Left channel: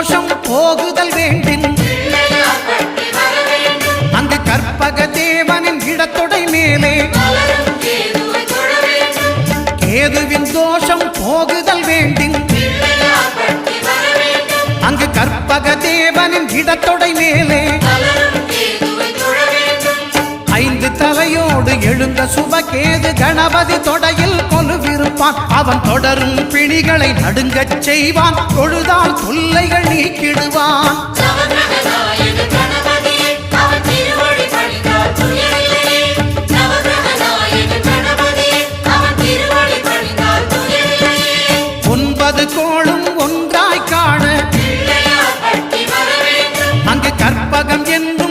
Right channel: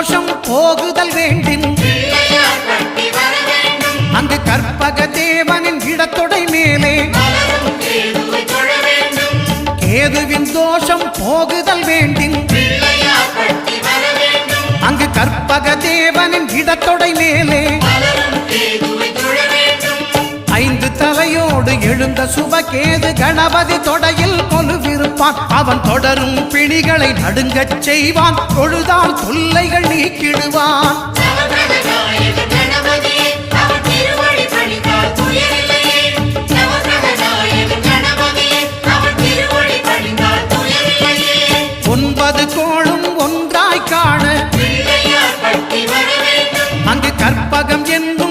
தோஷம் போகுதல் வேண்டின் அங்கு கற்பக தேவனின் இடத்தொடை மேலே கேதுவின் தோஷம் போகுதல் வேண்டின் அங்கு கற்பக தேவனின் இடத்தொடை மேலே 5 தலையோடு எழுந்த சுபகேது கணபதி தொடையில் கொலுவிருப்பான். அவன் தொடரும் பிணிகளை நடுங்கச் செய்வான். தொழுதால் தொல்லைகள் நீக்கிடுவான். ஒன்பது கோளும் ஒன்றாய் காண அங்கு கற்பகம் என்னும்